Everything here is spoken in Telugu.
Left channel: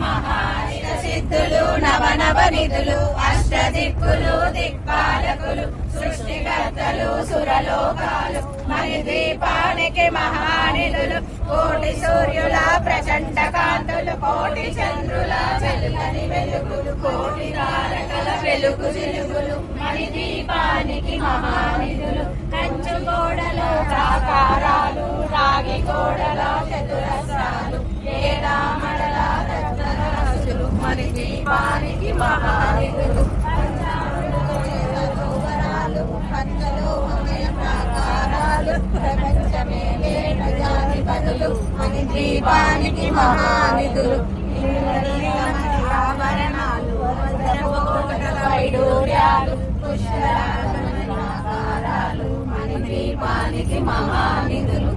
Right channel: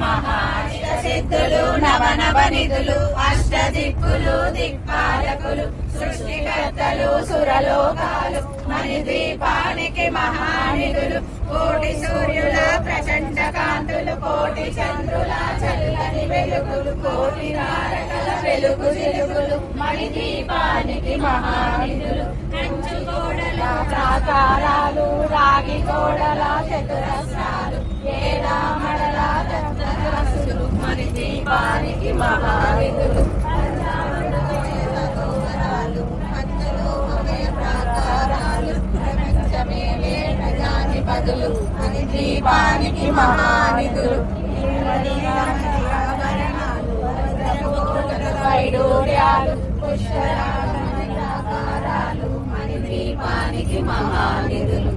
మహానిధ సిద్ధులు నవనవ నిధులు అష్టదిక్కులు దిక్పాలకులు సృష్టికర్తలు సురలోకాలు మణిద్వీపానికి మహానిధులు కోటి సూర్యుల ప్రచండ కాంతులు కోటి చంద్రుల చల్లని వెలుగులు కోటి తారకల వెలుగు చిలుగులు మణిద్వీపానికి మహానిధులు కంచు గోడలో ప్రాకారాలు రాగి గోడలో చతురస్రాలు ఏడామడల రత్నరాశులు మణిద్వీపానికి మహానిధులు మణిద్వీపానికి మహానిధులు ఆభరణాలు వైడూర్యాలు పుష్కరాలు మణిద్వీపానికి మహానిధులు